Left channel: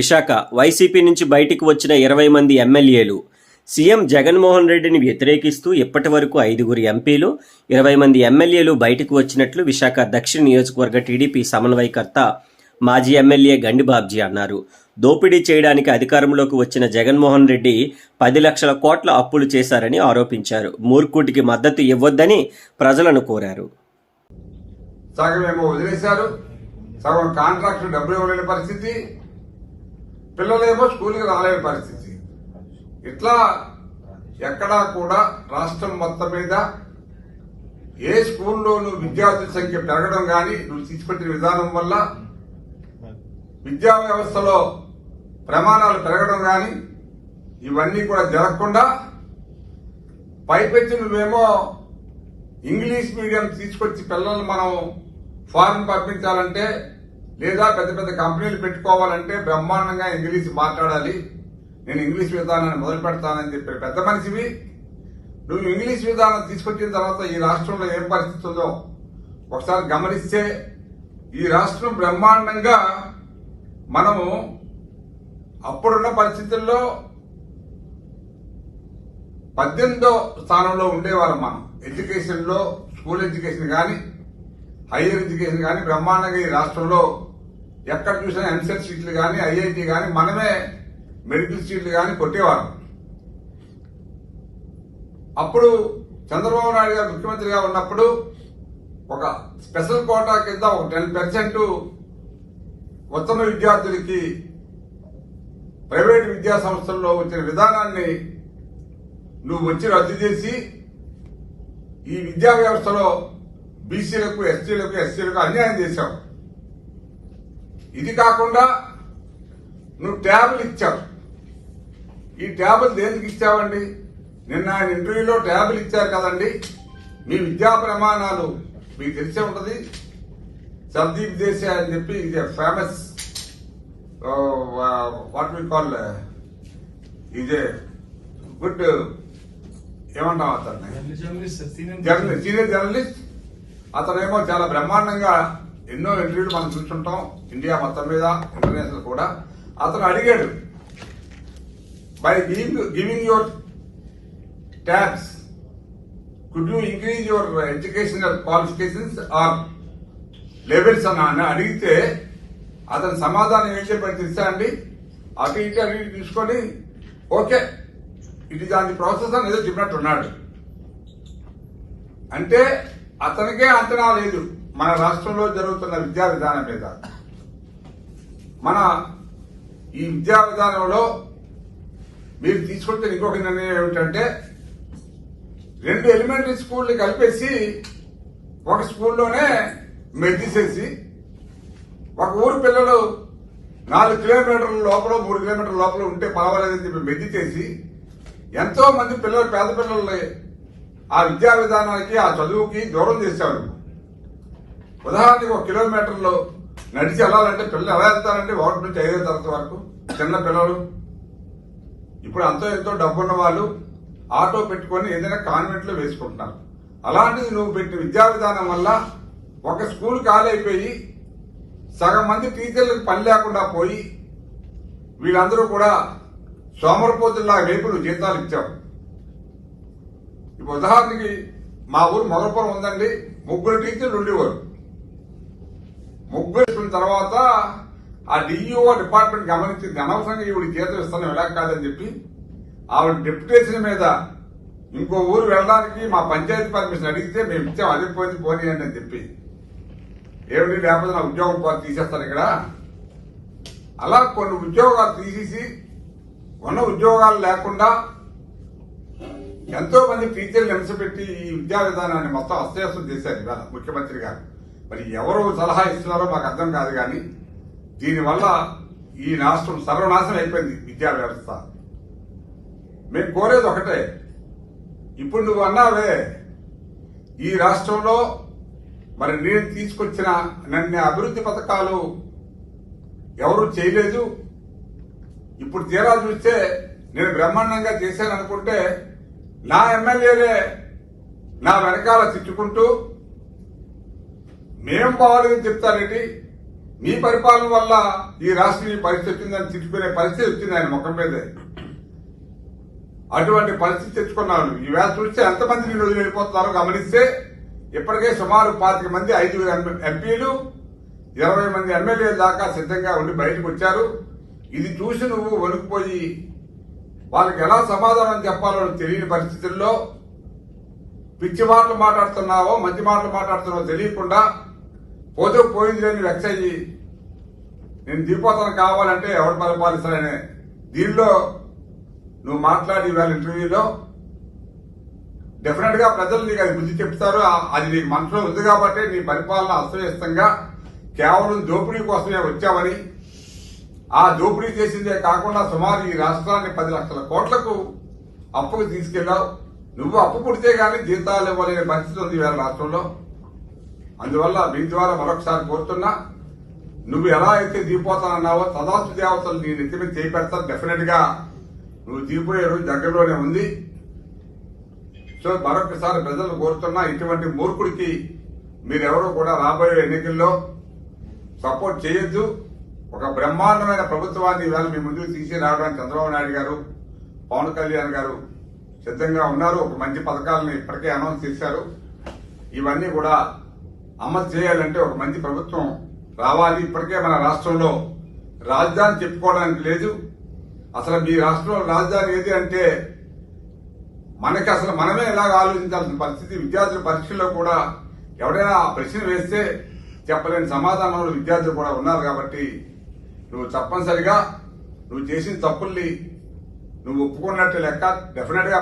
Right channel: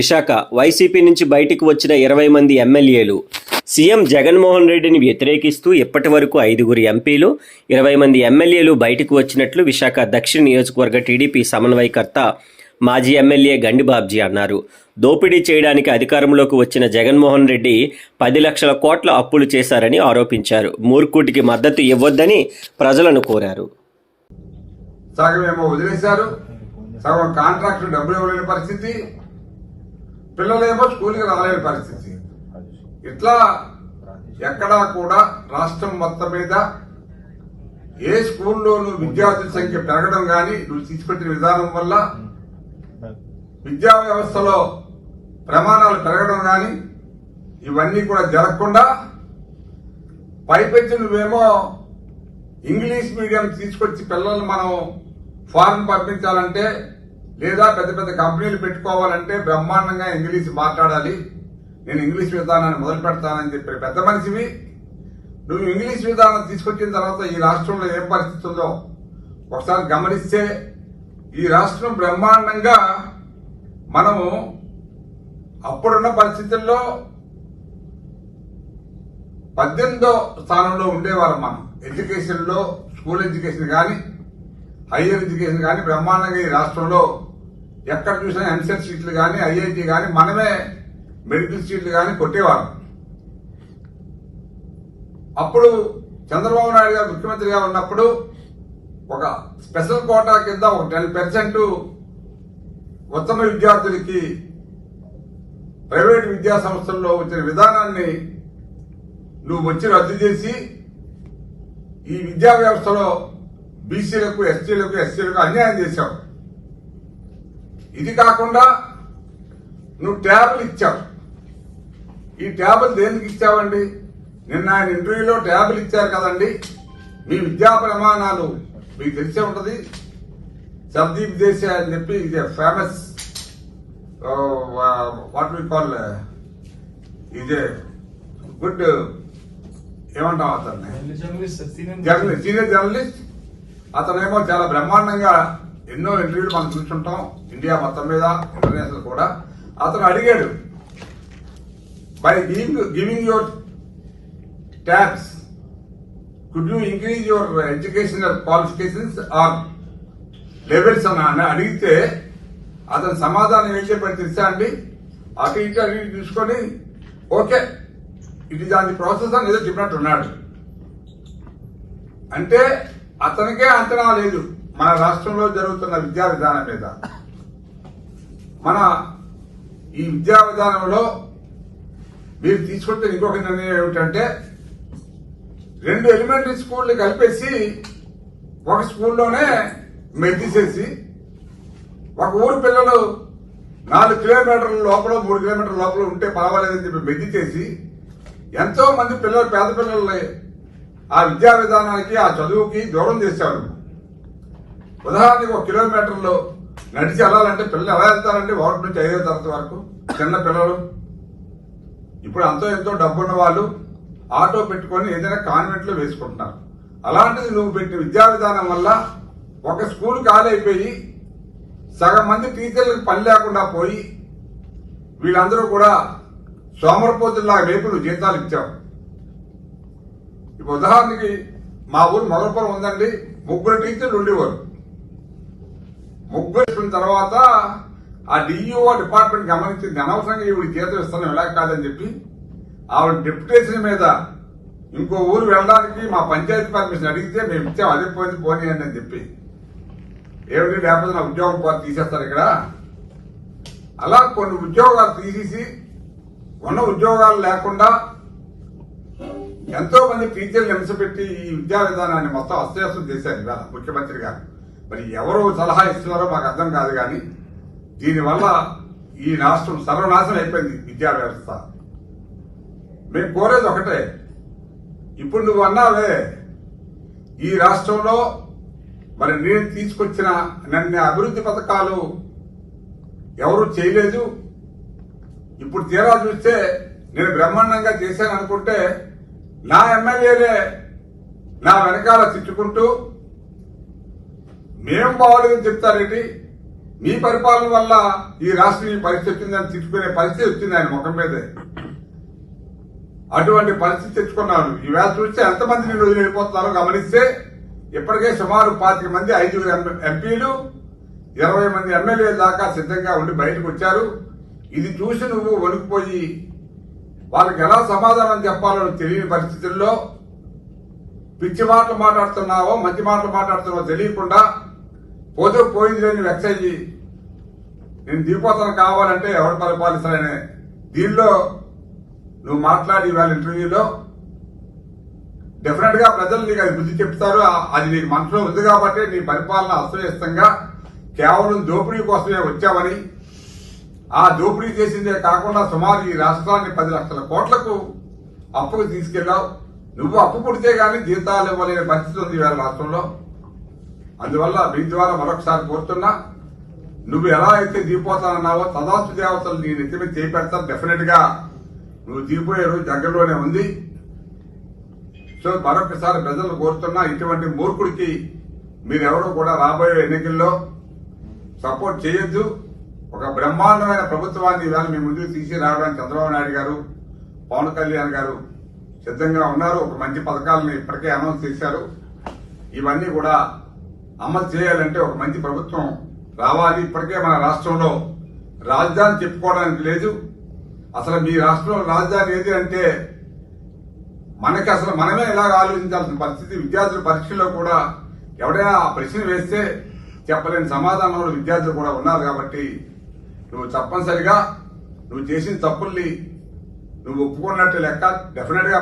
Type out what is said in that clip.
Visakha YCP నుంచి బయటికి వచ్చిన ఇరవై మంది ఎమ్మెల్యేలు. సీఎం జగన్మోహన్ రెడ్డిని వ్యతిరేకిస్తూ ఇప్పటి వరకు ఐదుగురు ఎంపీలు ఇరవై మంది ఎమ్మెల్యేలు బయటకు వచ్చినట్లు విశాఖ దక్షిణ నియోజకవర్గ టీడీపీ సమన్వయకర్త మాజీ ఎమ్మెల్యే గండిబాబ్జీ అన్నారు. దోపిడీ చేయడానికి అధికారంలోకి వచ్చిన జగన్మోహన్ రెడ్డి పది లక్షల కోట్ల అప్పులు చేశారని ఆరోపించారు. మూర్ఖుటికి మద్దతు ఇవ్వొద్దని ప్రజలను కోరారు. సగం ఏమో వదిలేశారు. సగం కాంట్రాక్ట్ డబ్బులు ఇవ్వలేని పరిస్థితి. పిల్లలేమో స్కూల్కి రాలేని పరిస్థితి. ఇట్లా ఎక్కడా కూడా రాష్ట్రం మొత్తం మీద ఏ స్కూల్లోనూ విద్యార్థుల సంఖ్య పెరగడం కానీ నువ్వు తీసుకొచ్చిన విధానం వల్ల విద్యా వ్యవస్థలో ప్రమాణాలు పెరగడం కానీ ఇవన్నీ కూడా జరగకుండా పైపెచ్చి నువ్వేమో ఇంగ్లీష్ మీడియం తీసుకొచ్చి పిల్లల్ని మనం ఫారెన్ పంపించాలంటే లేదా పెద్ద పెద్ద కంపెనీలు పెట్టుకోవాలంటే బ్రహ్మాండంగా ఇంగ్లీష్ మాట్లాడాలి. నేను ఇంగ్లీష్ విధానాన్ని మొదలు పెడతానని చెప్పి పెద్ద మనిషివి. నువ్వు ఇంగ్లీష్ విధానం తీసుకొచ్చిన తర్వాత ఈ రాష్ట్రంలో ఏం పరిస్థితి ఉందో ఒకసారి గమనిస్తే ఈ రాష్ట్రం బ్రహ్మాండంగా మనము అప్పుడున్న పరిస్థితుల్లో పద్దెనిమిదో స్థానంలో ఉండేవారు మనం. ఎడ్యుకేషన్లో స్కూల్ ఎడ్యుకేషన్ కానీ హైయర్ ఎడ్యుకేషన్ కానీ బ్రహ్మాండంగా ఈ రాష్ట్రంలో ఎక్కడ చూసినా ఎంసెట్ సీట్లు కానీ ఐఐటి కానీ మనమే మెడికల్ సీట్లు కానీ కొట్టేవారు అప్పుడు చంద్రబాబు నాయుడు గారు ముఖ్యమంత్రిగా ఉన్నప్పుడు ఒక స్పెషల్ కోటా కింద ఒక టెన్ పర్సెంట్ ఉత్తమ విద్యార్థులకి ప్రైవేట్ విద్యా సంస్థల్లో వచ్చిన విధానాన్ని నువ్వు వచ్చి రద్దు చేసి ఈ విద్యా వ్యవస్థలో బీసీలకు ఎస్టీలకు ఎస్సీలకు అన్యాయం చేశావు. ఇది కాకుండా నువ్వు ట్యాబ్లు ఇచ్చావు. ఈ ట్యాబులు దేనికి ఇచ్చావండి? నిన్న ఆయన ఇంటర్వ్యూలో ట్యాబులు ఇచ్చారు కదండి. మీ విద్యా ప్రమాణాలు మీకు తెలిసే ఉంటది. సర్దీప్ దేశ అని చెప్పి ఇది ఫేమస్ వాట్ వి కాల్ ఇదే గుడ్ ఏమంటాం అతన్ని? Journalist senior journalist. అతనేమో చాలా బ్రహ్మాండంగా ఎన్నో ఇంటర్వ్యూలు మనం చూస్తుంటాం. ఇండియా మొత్తం మీద ఇంటర్నేషనల్ కూడా. అతను అడిగాడు by giving giving your tax could you increase your educational qualifications or levels అని అడిగితే అతని సమాధానం ఏం చెప్పాడు తెలుసా అండి? అటు ఇటు అటు చూసుకొని ఓకే ఇది దాని ప్రాసెస్ అని ఏదో చెప్పినట్టు ఉన్నాడు. అంటే అతనికే అంచనా లేదు. మన రాష్ట్రంలో జరుగుతున్న విద్యా విధానం మీద. మన ఈ విద్యా విధానంలో మీరు తీసుకుంటే ఇంకొక నిర్ణయం ఏమిటంటే రెండు ఎలిమెంటరీ స్కూల్ని కలిపేసి ఒక స్కూల్లోనే మెద్దిసేసి ఒక ఊరు పిల్లలు నాలుగు కిలోమీటర్ల లోపల మూడు కిలోమీటర్ల లోపల ఉంటే పర్వాలేదని చెప్పి మెద్ది చేసి ఎంతో మంది పిల్లలు పేద పిల్లల్ని ఆ విద్యా విధానానికి ఆ చదువుకి దూరం చేశారు. ఉదాహరణకి ఒక కిలోమీటర్లో నడిచి వెళ్ళాలంటే పిల్లలు ఎలా వెళ్తారంటే ఒకటి నుంచి ఐదో తరగతి వరకు. చిన్న పిల్లలు. ఇప్పుడు అంతో ఎంతో డబ్బున్న వాళ్ళు ఆటో పెట్టుకొని ఏదైనా కాన్వెంట్లో వేసుకుంటున్నారు. అలాంటిది నువ్వు పెట్టిన విద్యా విధానం వల్ల ఒక స్కూల్ ఖాళీ అయిపోయి సగం మంది టీచర్లకు పని లేకుండా పోయి వీళ్ళందరూ కూడా సోమరపోతుల్లా రేపు నువ్వు జీతాలు ఇచ్చావు. ఇప్పుడు ఉదాహరణకి మా ఊరు మొదలపురం ఉందండి. ముగ్గురు టీచర్లు ఉండేవారు. ముగ్గురు తర్వాత ఆ డిఈఓ డిపార్ట్మెంట్ గమనించింది అనవసరంగా ఈవిడ జీతం ఇస్తాను ఎలా కాదని చెప్పి ఆవిడ డిప్యుటేషన్ మీద ఇంకో ఊరు వెళ్ళడానికి మా పంచాయతీ పర్మిషన్ అడిగితే మేము ఇచ్చాం అదే పోయింది పోనీయండి అని చెప్పి. ఏమిటి లేకపోతే నా ఉద్యోగం పోతే తీసేస్తారు ఇక్కడ. అలా కొన్ని ఉద్యోగాలు తీసేసి ఉన్న ఉద్యోగాలు లేకుండా ఎంతో మంది టీచర్లు హింసపెట్టి ఈ విద్యా విధానాన్ని మొత్తం అస్తవ్యస్తం చేశారు ఇవాళ ముఖ్యమంత్రి గారు. మరి ఎవరు సలహా ఇస్తున్నారో మాకు అర్థం కాదు కానీ దీనివల్ల ఈ రాష్ట్రం సర్వనాశనం అయిపోయింది విద్యా వ్యవస్థ. మేము కోరేది ఒకటే ఇప్పుడు నువ్వు అన్నావే ఈ రాష్ట్రంలో మరి నేను తీసుకొచ్చిన నన్ను అభివృద్ధి పథకాలు ఎవరు చేయలేదు. ఇప్పుడు తీరా చూస్తే నేను బ్రహ్మాండంగా చేశాను అనుకుంటే నా ఎమ్మెల్యేలే నా వెనకాల తిట్టుకుంటూ మేం బాగోలేదని చెప్తారేంటి? మీ పరిపాలన వల్ల ఈ రాష్ట్రం ఈ పరిస్థితి వచ్చిందని తిట్టుకునే పరిస్థితి వచ్చింది ఆయన ముఖం మీదే. అటువంటి పరిస్థితి తెచ్చుకున్నారు ఈవేళ చూస్తే ఎంతమంది నేను వదిలి వెళ్ళిపోతున్నారో గమనిస్తే ఇప్పటికే సుమారు పాతిక మంది ఐదుగురు ఎంపీలు ఇరవై మంది ఎమ్మెల్యే దాకా సిద్ధంగా ఉండి బయటకు వచ్చారు. ఇది చూసి నువ్వు వణికిపోయి వాళ్ళకి ఎలా సమాధానం చెప్పాలో తెలియని పరిస్థితుల్లో పిచ్చి మాటలు మాట్లాడుతున్నావో మంచి మాటలు మాట్లాడుతున్నావో తెలియకుండా పోతే పోయింది లేని అయ్యి నేను దిగిపోతాను కావాలంటే ఎవరు పరిపాలిస్తారనే దీనిలో నువ్వు మాట్లాడి వాళ్ళ ఇంటర్వ్యూలో డెఫినెట్గా ప్రజలు నీకు అది బుద్ధి చెప్తారు. అది నీకు మనసులో ఉంది కాబట్టి నీ పరిపాలన అస్తవ్యస్తంగా కేవలం దోపిడీ కోసమే వచ్చావని. ఆ దోపిడీ చేసిందే కాకుండా సుమారు ఈ రాష్ట్రాన్ని పది లక్షల కోట్లకు అప్పుకు తీసుకెళ్ళావు నువ్వు అప్పు పుడితే గానీ జీతాలు ఇవ్వలేని పరిస్థితి ఉంది ఇవాళ రాష్ట్రంలో. అందువల్ల మీ ద్వారా మరొకసారి కోరుతున్నా నువ్వు ఎలా అయితే దిగిపోతానన్నావో తదాస్తు దేవతలు నీ నెత్తి మీద చేయి డెఫినెట్గా. నువ్వు దిగిపోయే రోజు దగ్గరలోనే ఉంది. సో మరొకసారి ప్రజలు కోరుతున్నా ఇటువంటి మూర్ఖుడికి మీరెవరూ కూడా రాబోయే ఎన్నికల్లో సపోర్ట్ చేయొద్దు. ఒక బ్రహ్మాండమైన ప్రభుత్వాన్ని ఇవాళ మీ ముందుకు తీసి రావడానికి చంద్రబాబు నాయుడు గారు పవన్ కళ్యాణ్ గారు సిద్ధంగా ఉన్నారు. ఒక మంచి పథకాలను ఇప్పటికే అనౌన్స్ చేశారు. ఇవన్నీ కూడా అమలు చేయాలంటే ఒక మంచి ప్రభుత్వం రావాలి. ఇప్పటికే మన రాష్ట్రంలో రాజధాని చెప్పుకోవడానికి లేదు. అసలు మీ రాష్ట్రంలో రాజధాని ఏది అంటే మనకి అసలు మనమే ఇలాగ ఆలోచించాల్సిన పరిస్థితి. విద్యార్థుల పరీక్షల్లో కూడా ఎవడైనా ఆ ప్రశ్న వేస్తే చెప్పలేని సమాధానంలో విద్యార్థులు కూడా ఉన్నారు కాబట్టి నువ్వు తప్పనిసరిగా నువ్వు చేసిన తప్పుల్ని నువ్వు ఒప్పుకున్నట్టు లెక్క డెఫినెట్గా